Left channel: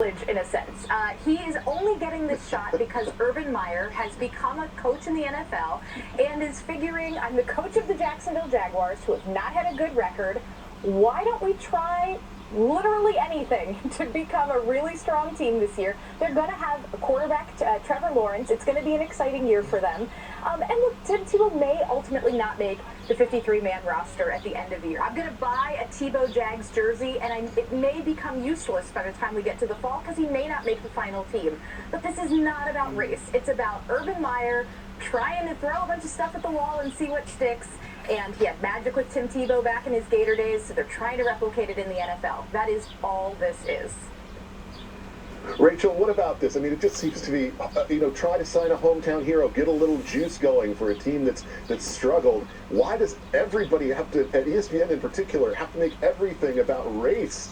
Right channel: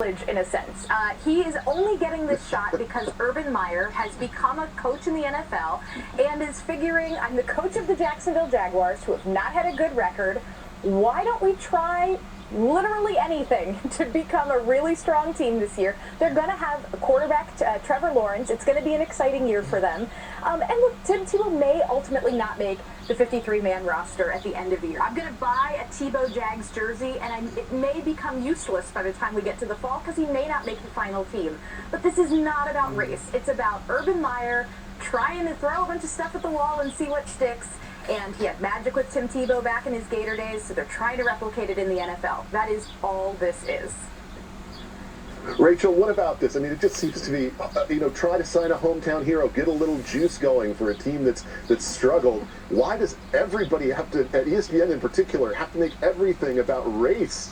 In a sense. He is only getting this shot because Urban Meyer has become a coach in the NFL and is figuring, I'm the coach of the Jacksonville Jaguars, who have not had a good record. Why don't we try literally anything to become a really strong team this year? They're going to have a quarterback, Trevor Lawrence. It's going to be an exciting year for them. And look, Tim Tebow may ultimately not make the 53-man roster at the end of the year. I'm going to buy a Tebow Jags jersey, and it may become useless by the time we get to the fall because he may not make the final team. But this is not about race. It's about Urban Meyer trying to throw a bunch of stuff at the wall and see what sticks. And he had magic with Tim Tebow back in his Gator days, so they're trying to replicate it in the NFL. That is all this is. Rachel, what about this? I mean, it just seems to be, try to sign a hometown hero, get a little juice going for a team that's struggled. Why does everybody have to, at ESPN in particular, have to make everything about race?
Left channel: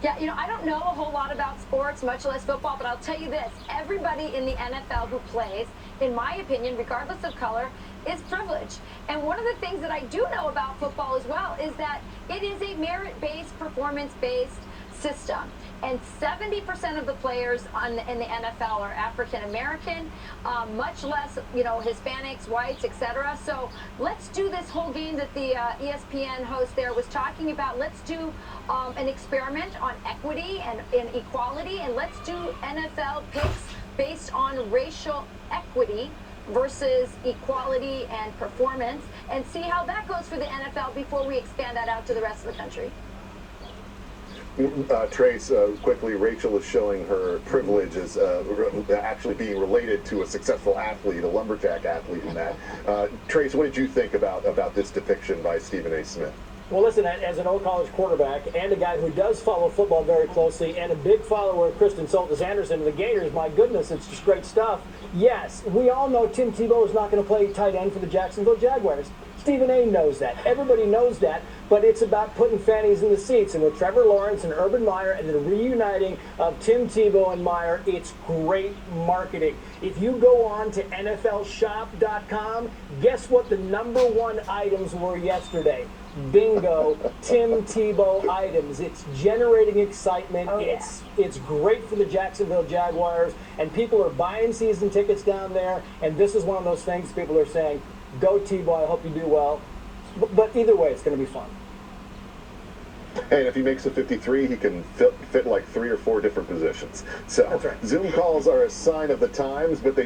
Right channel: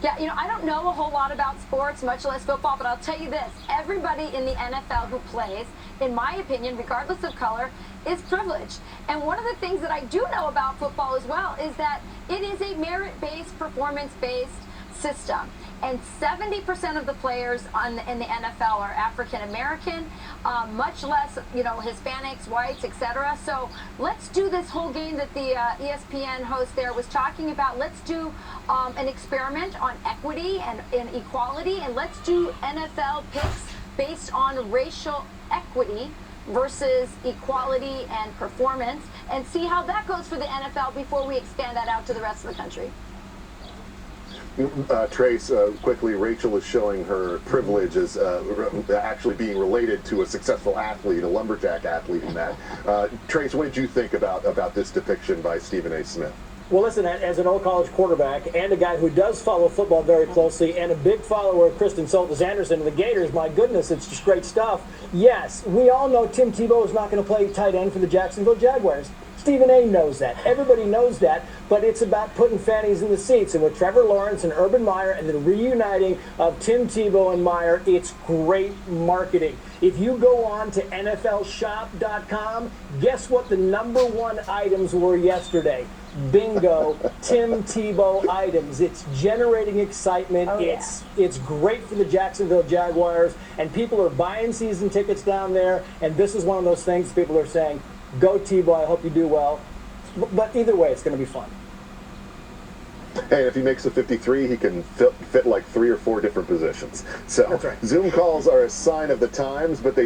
Yeah, I don't know a whole lot about sports, much less football, but I'll tell you this. Everybody in the NFL who plays, in my opinion, regardless of color, is privileged. And one of the things that I do know about football as well is that it is a merit-based, performance-based system. And 70% of the players in the NFL are African American, much less, Hispanics, whites, etc. So let's do this whole game that the ESPN host there was talking about. Let's do an experiment on equity and equality, and let's do NFL picks based on racial equity versus equality and performance, and see how that goes for the NFL before we expand that out to the rest of the country. Trace, quickly, Rachel is showing her privilege as actually being related to a successful athlete, a lumberjack athlete in that. Trace, what did you think about this depiction by Stephen A. Smith? Well, listen, as an old college quarterback and a guy who does follow football very closely and a big follower of Kristen Soltis-Anderson and the Gators, my goodness, it's just great stuff. Yes, we all know Tim Tebow is not going to play tight end for the Jacksonville Jaguars. Stephen A. knows that. Everybody knows that, but it's about putting fannies in the seats. And with Trevor Lawrence and Urban Meyer and the reuniting of Tim Tebow and Meyer, it's great marketing. If you go on to NFLshop.com, guess what the #1 items were yesterday? Bingo, Tim Tebow items. It's generating excitement. Oh, yeah. It's great for the Jacksonville Jaguars, and people are buying season tickets down there, and this is one of those things people are saying, go Tebow, I hope you do well. But either way, it's going to be fun. Hey, and if he makes a 53, he can fit like 3 or 4 different positions. So That's right. Zoom calls are a sign of the times, but they